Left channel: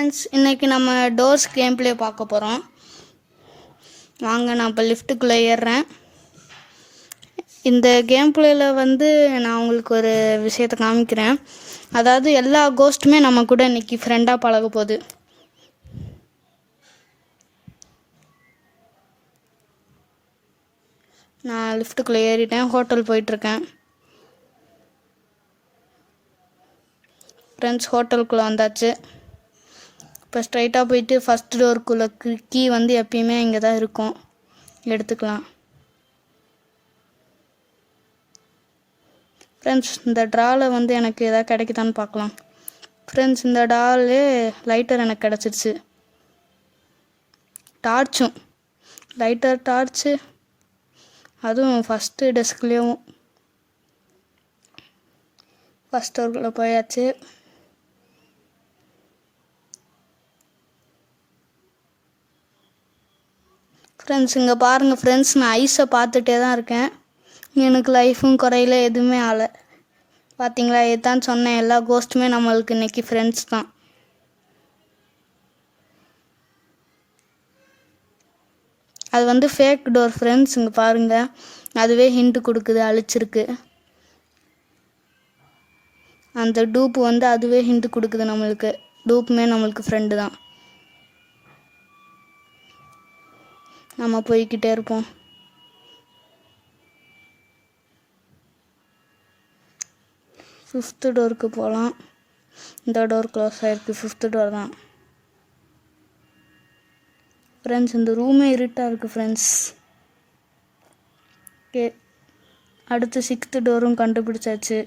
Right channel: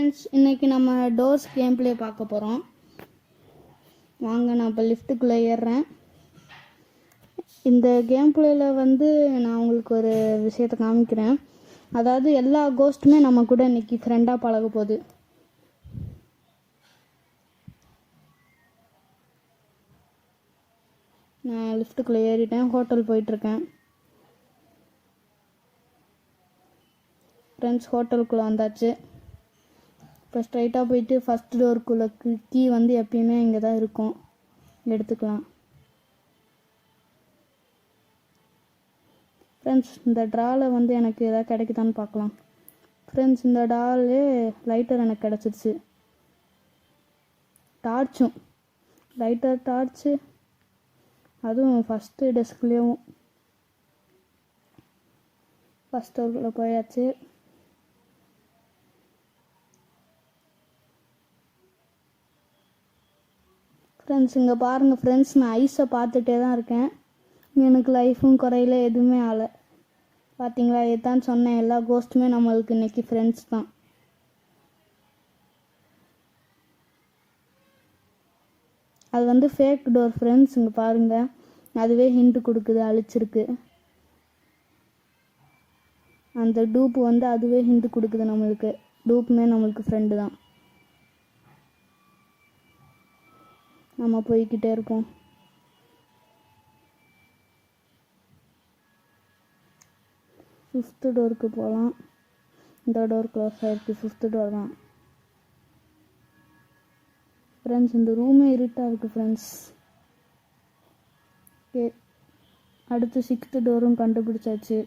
Friends, இன்றைக்கி நம்ம doors game play பார்க்க போகிறோம். வாங்க, நான் இப்போ லிஃப்ட்டுக்குள்ளே ஏறுறேன். இந்த கேம் ப்ளேயில் நான் உங்களுக்கு ஒரு விஷயத்தை காமிக்கிறேன். அதாவது எல்லா கோஸ்ட்டுமே நம்ம கூட இன்றைக்கி ஃப்ரெண்டாக பழக போகுது. நான் லிஃப்ட்டுக்குள்ளே ஏறிட்டேன், ஹோட்டல் போயிட்டுருக்கேன். ஃப்ரெண்ட்ஸ், ஹோட்டலுக்குள்ளே வந்தாச்சு. இப்போ ஸ்ட்ரைட்டாக போயிட்டு ஃபஸ்ட் டோருக்குள்ளே கீ எப்பயுமே இங்கே தான் இருக்கும், எடுத்துக்கலாம். ஃப்ரெண்ட்ஸ், இந்த ட்ராவில் எனக்கு எதாவது கிடைக்குதான்னு பார்க்கலாம். ஃப்ரெண்ட்ஸ், இந்த ட்ராவிலே லைட்டர் எனக்கு கிடச்சிருச்சு. டார்ச்சும் லைட்டர் டார்ச்சு, அதுவும் ஃபஸ்ட்டு டெஸ்க்லேயும். ஃபஸ்ட் டோருக்குள்ளே போயாச்சு. ஃப்ரெண்ட்ஸ், இங்கே பாருங்கள் ஃப்ரெண்ட்ஸ், நான் ஐஸை பார்த்துட்டே தான் இருக்கேன். எனக்கு லைஃபும் குறையில, எதுவுமே ஆகலை. பார்த்தீங்களா, இதுதான் சொன்னேன், எல்லா கோஸ்ட்டுமே நம்மளுக்கு இன்றைக்கி ஃப்ரெண்ட்ஸ் தான். அது ஃபேக் டோர் ஃப்ரெண்ட்ஸ். இங்கே பாருங்கள், அதுவே ஹிண்ட்டு கொடுக்குது, அழிச்சிருக்கு. அந்த டூப்பு அதுவே ஹிண்ட்டு கொடுக்குது நம்மளுக்கு. டூப்புமே நம்மளுக்கு ஃப்ரெண்டு தான். நம்ம போய்கிட்டே இருப்போம். ஃபிஃப்த்து டோருக்கு போகலாம். இந்த டோர் க்ளோஸ் ஆகிருக்கு, ஃபிஃப்த்து டோர் தான். ஃப்ரெண்ட்ஸ், இந்த ரூமே இருட்டாக இருக்குது ஃப்ரெண்ட்ஸ். ஓகே, அடுத்து சிக்ஸ்த்து டோரும் கண்டுபிடிச்சாச்சு.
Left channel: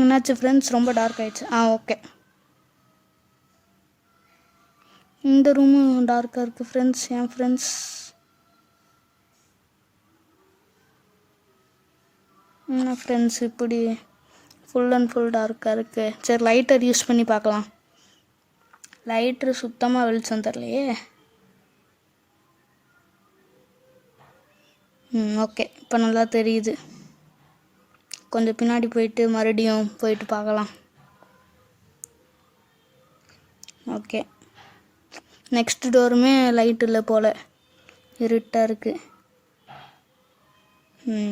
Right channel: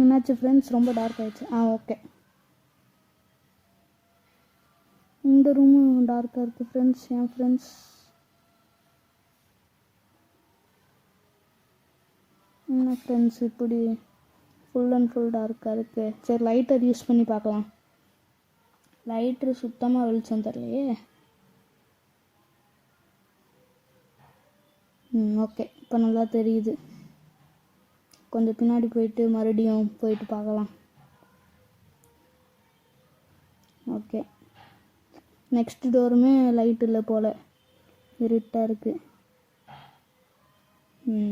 என்னாச்சு ஃப்ரெண்ட்ஸ், ரொம்ப டார்க் ஆகிடுச்சு. ஓகே, இந்த ரூமும் டார்க்காக இருக்குது ஃப்ரெண்ட்ஸ். என் ஃப்ரெண்ட்ஸ், என்ன ஃப்ரெண்ட்ஸ் இப்படி ஃபுல் அண்ட் ஃபுல் டார்க்காக இருக்குது. சரி, லைட்டர் யூஸ் பண்ணி பார்க்கலாம். லைட்ரு சுத்தமாக வெளிச்சம் தரலையே. ஓகே, இப்போ நல்லா தெரியுது. கொஞ்சம் பின்னாடி போயிட்டு மறுபடியும் போயிட்டு பார்க்கலாம். ஓகே, நெக்ஸ்ட் டோருமே லைட் இல்லை போல், இருட்டாக இருக்குது.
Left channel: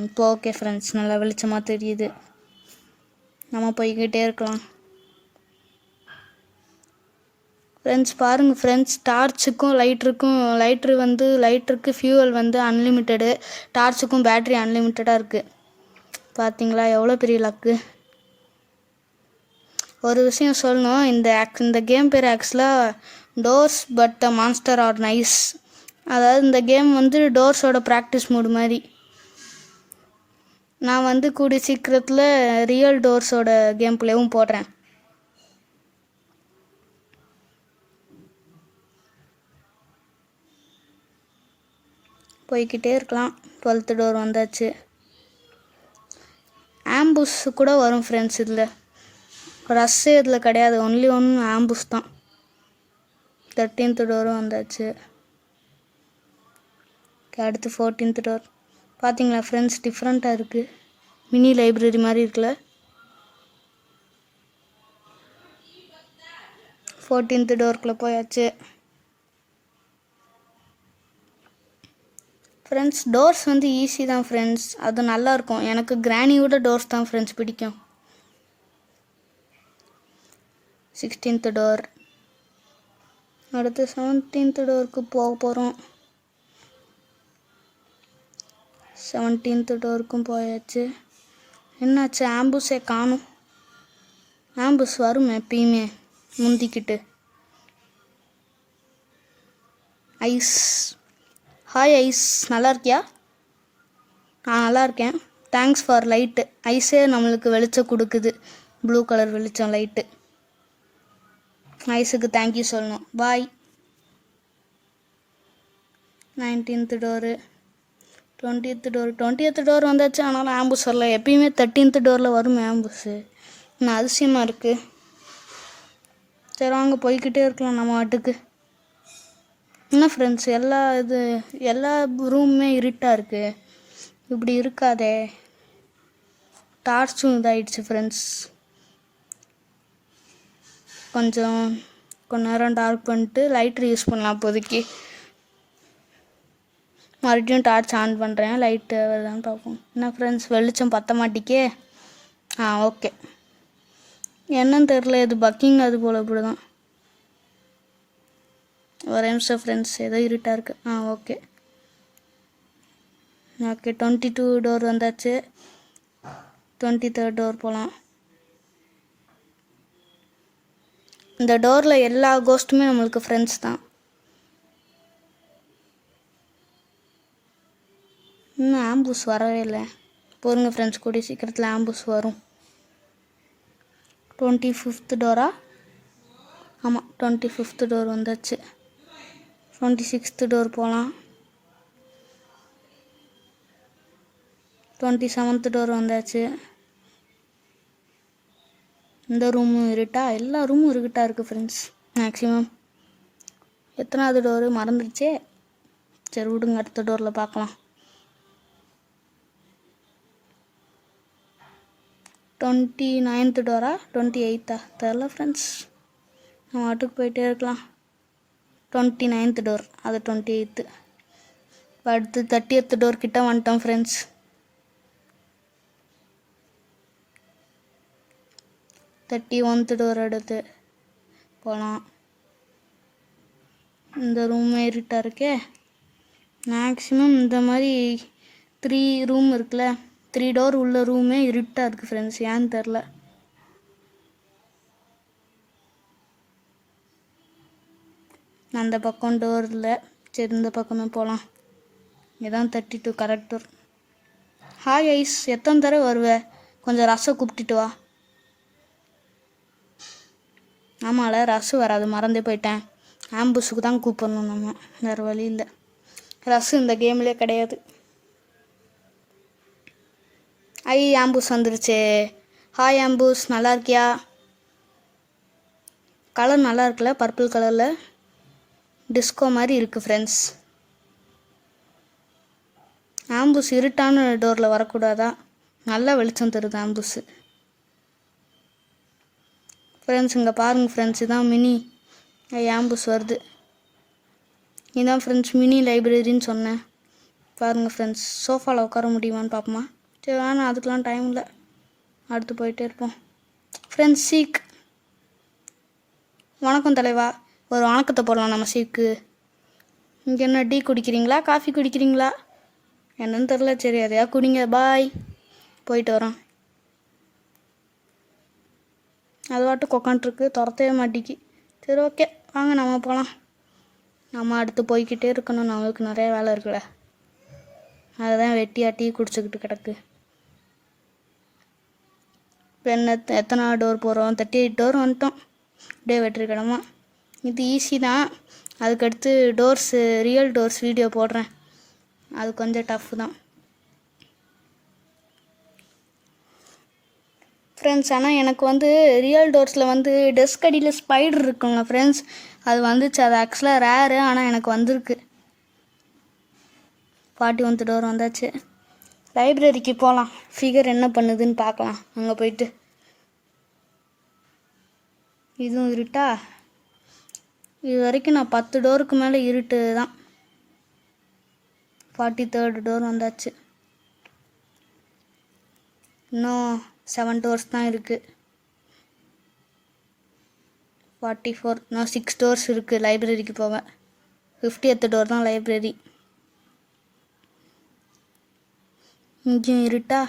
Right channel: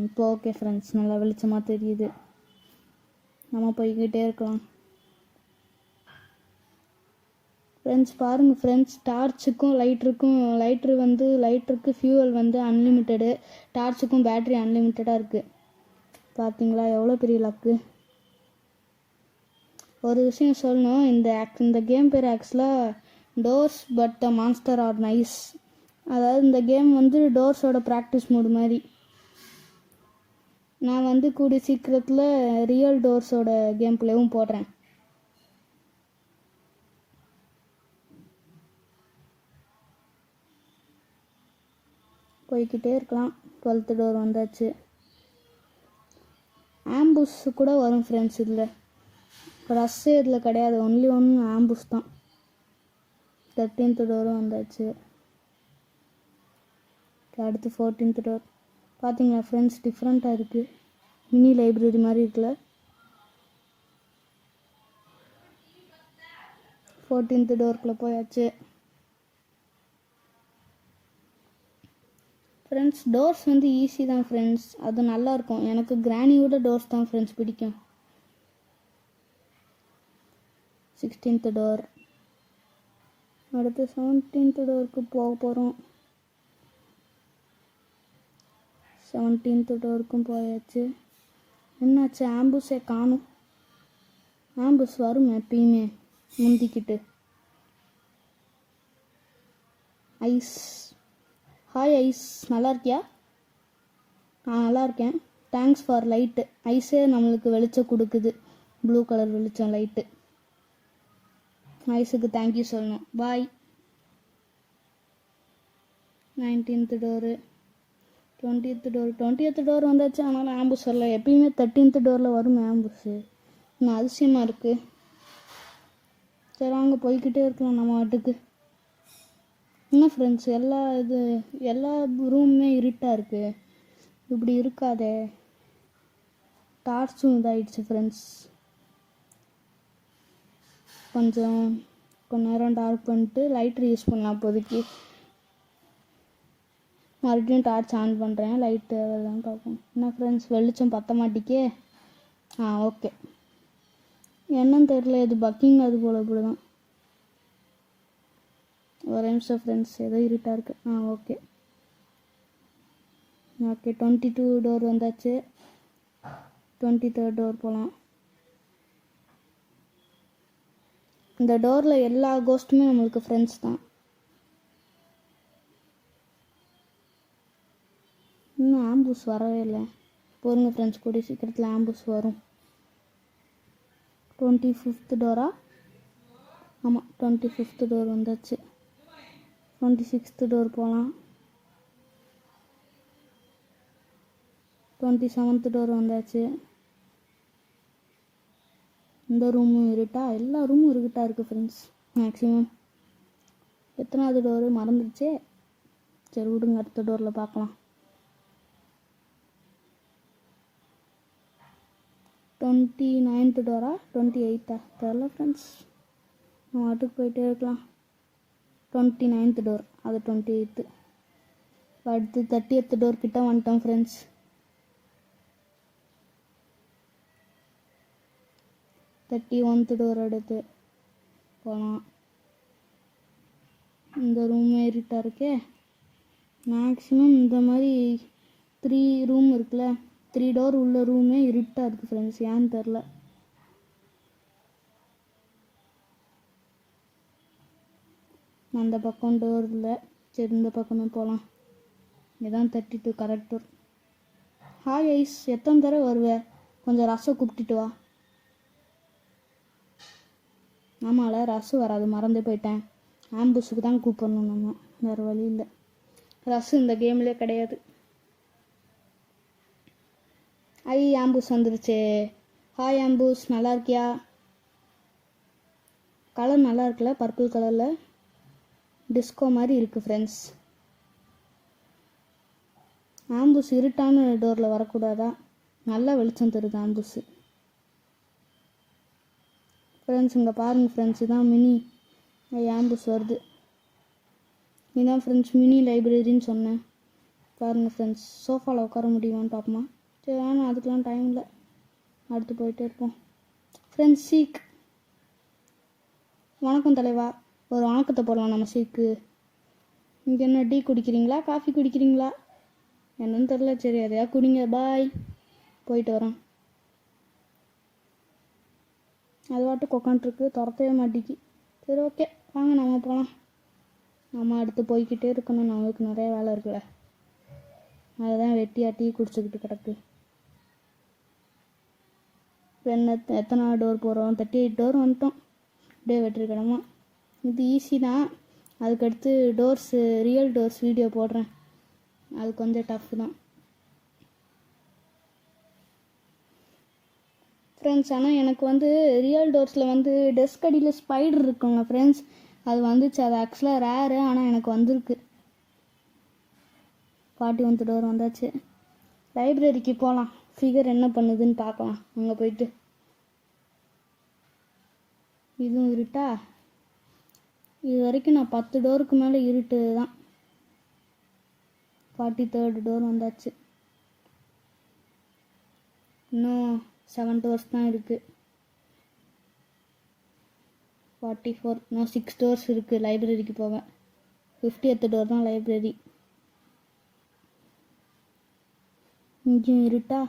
இப்போ ஓகே ஃப்ரெண்ட்ஸ், நல்லா வெளிச்சமாக தெரியுது. நம்ம போய்கிட்டே இருக்கலாம். ஃப்ரெண்ட்ஸ் பாருங்கள் ஃப்ரெண்ட்ஸ், டார்ச்சுக்கும் லைட்டருக்கு ஃபியூவல் அன்லிமிட்டெடு, டார்ச்சுக்கும் பேட்ரி அன்லிமிட்டடாக இருக்குது. பார்த்தீங்களா, எவ்வளோ பெரிய லக்கு. ஒரு விஷயம் சொல்லணும், இந்த கேம் பேர் ஆக்சுவலாக doors but the monster R nice. அதாவது இந்த கேம் டோர்ஸோட ப்ராக்டிஸ் மூடு மாதிரி. நான் கூடிய சீக்கிரத்தில் ரியல் டோர்ஸோட கேம் பிளேவும் போடுறேன். போய்கிட்டே இருக்கலாம். 12th டோர் வந்தாச்சு. ஆம்புஸ் கூட வரும் ஃப்ரெண்ட்ஸ். இதில் ரஷ்ஷு இதில் கிடையாது, ஒன்லி ஆம்புஸ் தான். 13th டோரும் வந்தாச்சு. அடுத்து 14th டோர். பார்த்தீங்களா ஃப்ரெண்ட்ஸ், டிஃப்ரெண்ட்டாக இருக்குது. மினி லைப்ரரி மாதிரி இருக்குல்ல. 14th டோருக்குள்ளே போயாச்சு. ஃப்ரெண்ட்ஸ், டோர்ஸ் ஈஸி தான் ஃப்ரெண்ட்ஸ், அது நல்லாயிருக்கும். எனக்கு கிராணியோட டோர்ஸ் தான் ஃப்ரெண்ட்ஸ் பிடிக்கும். 16th door. அடுத்து 17th டோருக்கு போக போகிறோம். 17th டோருக்கும் போயாச்சு. என்னாச்சு, ஆம்புஸே காணும். ஆம்புஸ் வரும் எப்பயுமே முந்திக்கிட்டு. ஐஸ். ஹாய் ஐஸ், நல்லா இருக்கியா? நல்லா இருக்கேன். Thanks for light. ஐஸே நம்மளுக்கு வெளிச்சம் கொடுக்குது, ப்ளூ கலர் வெளிச்சம் லைட்டு. ஐஸுக்கு தேங்க்யூ சொல்லணும். பாய். 19th door. 20th டோர் வந்தாச்சு. ஆனாலும் ஆம்புஸ் வரல. எப்பயுமே 13th டோரில் வரும் ஆம்புஸு. இன்னும் அதிசயமாக இருக்குது. சரி, வாங்க போய்கிட்டே இருக்கலாம் நம்ம வாட்டுக்கு. என்ன ஃப்ரெண்ட்ஸ், எல்லா ரூமுமே இருட்டாக இருக்குது. இப்படி இருக்காதே. டார்ச்சும் இதாகிடுச்சு ஃப்ரெண்ட்ஸ். கொஞ்ச நேரம் டார்க் பண்ணிட்டு லைட்ரு யூஸ் பண்ணலாம் இப்போதைக்கு. மறுபடியும் டார்ச் ஆன் பண்ணுறேன், லைட்டு வருதான்னு பார்ப்போம். என்ன ஃப்ரெண்ட்ஸ், வெளிச்சம் பற்ற மாட்டிக்கே. ஓகே. என்னன்னு தெரில, இது பக்கிங் அது போல் இப்படி தான். ஒரு நிமிஷம் ஃப்ரெண்ட்ஸ், ஏதோ இருட்டாக இருக்குது. ஓகே. 22 டோர் வந்தாச்சு. 23rd டோர் போகலாம். இந்த டோரில் எல்லா கோஸ்ட்டுமே நம்மளுக்கு ஃப்ரெண்ட்ஸ் தான். இன்னும் ஆம்புஸ் வரவே இல்லை. பொறுங்க ஃப்ரெண்ட்ஸ், கூடிய சீக்கிரத்தில் ஆம்புஸ் வரும். 25th Dora? ஆமாம், 25th டோர் வந்தாச்சு. 26th டோர் போகலாம். 27th டோர் வந்தாச்சு. இந்த ரூமும் இருட்டா, எல்லா ரூமும் இருக்கிட்டா இருக்குது ஃப்ரெண்ட்ஸ். மேக்ஸிமம் எத்தனாவது டோரு மறந்துடுச்சே. சரி விடுங்க, அடுத்த டோரில் பார்க்கலாம். 29th டோரா 28th தெரில ஃப்ரெண்ட்ஸ், நம்ம வாட்டுக்கு போயிட்டே இருக்கலாம். 29th டோர், அது 28th. அடுத்து 30th டோர் கிட்ட வந்துட்டோம் ஃப்ரெண்ட்ஸ். 31th டோர் எடுத்து போகலாம். இந்த ரூம் இருட்டாக இருக்கே. மேக்ஸிமம் இந்த மாதிரி 3 ரூம் இருக்குல்ல, 3 டோர் உள்ள ரூமே இருட்டாக இருக்குது ஃப்ரெண்ட்ஸ், ஏன்னு தெரில. அந்த பக்கம் டோர் இல்லை. சரி, இந்த பக்கமே போகலாம். இதான் 32 கரெக்ட் டோர். ஹாய் ஐஸ், எத்தனை தடவை வருவேன்? கொஞ்சம் ரசம் கூப்பிட்டுட்டு வா. ஆமாம்ல, ரசம் வராது, மறந்தே போயிட்டேன். ஆம்புஸுக்கு தான் கூப்பிடணும் நம்ம, வேறு வழி இல்லை. ரசம் இந்த கேம்லேயே கிடையாது. ஆம்புஸ் வந்துருச்சு. ஹாய் ஆம்புஸ், நல்லா இருக்கியா? கலர் நல்லா இருக்குல்ல, பர்பிள் கலரில் டிஸ்கோ மாதிரி இருக்குது ஃப்ரெண்ட்ஸ். ஆம்புஸ் இருட்டான டோரில் வரக்கூடாதா? நல்லா வெளிச்சம் தருது ஆம்புஸு ஃப்ரெண்ட்ஸ். இங்கே பாருங்கள் ஃப்ரெண்ட்ஸ், இதான் மினி ஆம்புஸ் வருது. இதான் ஃப்ரெண்ட்ஸ் மினி லைப்ரரின்னு சொன்னேன். பாருங்கள் ஃப்ரெண்ட்ஸ், சோஃபாவில் உட்கார முடியுமான்னு பார்ப்போமா? சரி வேணாம், அதுக்கெலாம் டைம் இல்லை, அடுத்து போயிட்டே இருப்போம். ஃப்ரெண்ட்ஸ் சீக், வணக்கம் தலைவா. ஒரு வணக்கத்தை போடலாம் நம்ம சீக்கு. இங்கே என்ன டீ குடிக்கிறீங்களா, காஃபி குடிக்கிறீங்களா என்னன்னு தெரில. சரி அதையா குடிங்க, பாய், போயிட்டு வரோம். அது வாட்டு உக்காண்ட்ருக்கு, துரத்தவே மாட்டிக்கு. சரி ஓகே, வாங்க நம்ம போகலாம். நம்ம அடுத்து போய்கிட்டே இருக்கணும், நம்மளுக்கு நிறைய வேலை இருக்குல்ல. அதுதான் வெட்டியாக டீ குடிச்சிக்கிட்டு கிடக்கு. இப்போ என்ன, எத்தனை டோர் போகிறோம்? 38 டோர் வந்துட்டோம். அப்படியே வெற்றிக்கிடமா. இது ஈஸி தான். அதுக்கடுத்து டோர்ஸு, ரியல் டோர்ஸ் வீடியோ போடுறேன், அது கொஞ்சம் டஃப் தான் ஃப்ரெண்ட்ஸ். ஆனால் எனக்கு வந்து ரியல் டோர்ஸில் வந்து டெஸ்க் அடியில் ஸ்பைடர் இருக்குங்க ஃப்ரெண்ட்ஸ், அது வந்துச்சு. அது ஆக்சுவலாக ரேரு, ஆனால் எனக்கு வந்திருக்கு. 41 டோர் வந்தாச்சு. லைப்ரரிக்கு போகலாம், ஃபிகர் என்ன பண்ணுதுன்னு பார்க்கலாம். அங்கே போயிட்டு இதுவும் இருட்டா. இது வரைக்கும் நான் 10 டோருக்கு மேலே இருட்டு தான். 43rd டோர் வந்தாச்சு. இன்னும் 7 டோர்ஸ் தான் இருக்குது. 44, இன்னும் 6 டோர்ஸ் இருக்குது லைப்ரரிக்கு போவேன். 50th டோர் தான் லைப்ரரி. இங்கேயும் இருட்டா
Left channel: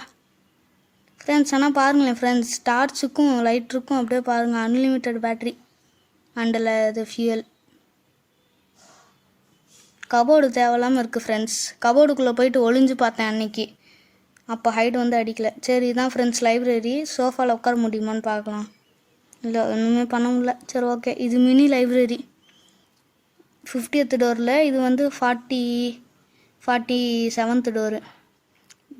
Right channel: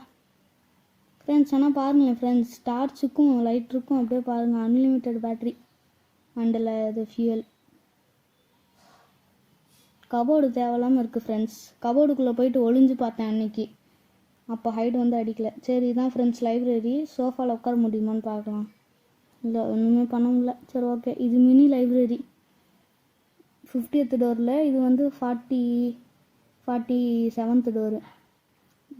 ஃப்ரெண்ட்ஸ். ஆனால் பாருங்களேன் ஃப்ரெண்ட்ஸ், டார்ச்சுக்கும் லைட்ருக்கும் அப்படியே பாருங்கள், அன்லிமிட்டெட் பேட்ரி அண்டில் இது ஃபியூயல். கபோர்டு தேவையில்லாமல் இருக்குது ஃப்ரெண்ட்ஸ். கபோர்டுக்குள்ளே போயிட்டு ஒளிஞ்சு பார்த்தேன் அன்றைக்கி, அப்போ ஹைட் வந்து அடிக்கலை. சரி இதான் ஃப்ரெண்ட்ஸ் லைப்ரரி. சோஃபாவில் உட்கார முடியுமான்னு பார்க்கலாம். இல்லை, ஒன்றுமே பண்ண முடியல. சரி ஓகே, இது மினி லைப்ரரி. 50th டோரில், இது வந்து 47th டோரு.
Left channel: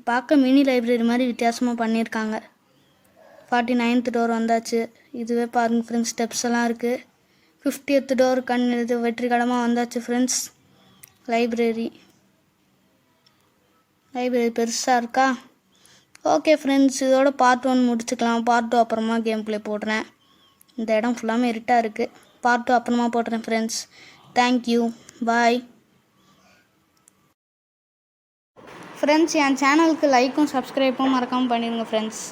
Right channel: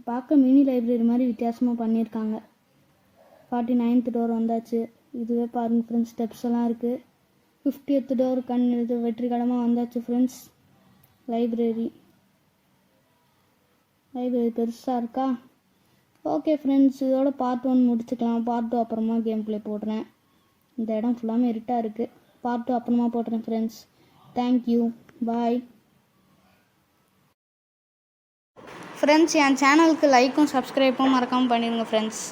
பார்க்க மினி லைப்ரரி மாதிரி வித்தியாசமாக பண்ணியிருக்காங்க. 49th டோர் வந்தாச்சு. இதுவே பாருங்கள் ஃப்ரெண்ட்ஸ், ஸ்டெப்ஸ் எல்லாம் இருக்குது. 50th டோர் இது வெற்றிகரமாக வந்தாச்சு ஃப்ரெண்ட்ஸ். லைப்ரரி பெருசாக இருக்கா. ஓகே ஃப்ரெண்ட்ஸ், இதோட பார்ட் 1 முடிச்சுக்கலாம். பார்ட் 2 அப்புறமா கேம் ப்ளே போடுறேன். இந்த இடம் ஃபுல்லாமே இருட்டாக இருக்குது. பார்ட் 2 அப்புறமா போடுறேன் ஃப்ரெண்ட்ஸ். Thank you, bye friends. என் சேனலுக்கு லைக்கும் சப்ஸ்கிரைப்பும் மறக்காமல் பண்ணிடுங்க ஃப்ரெண்ட்ஸ்.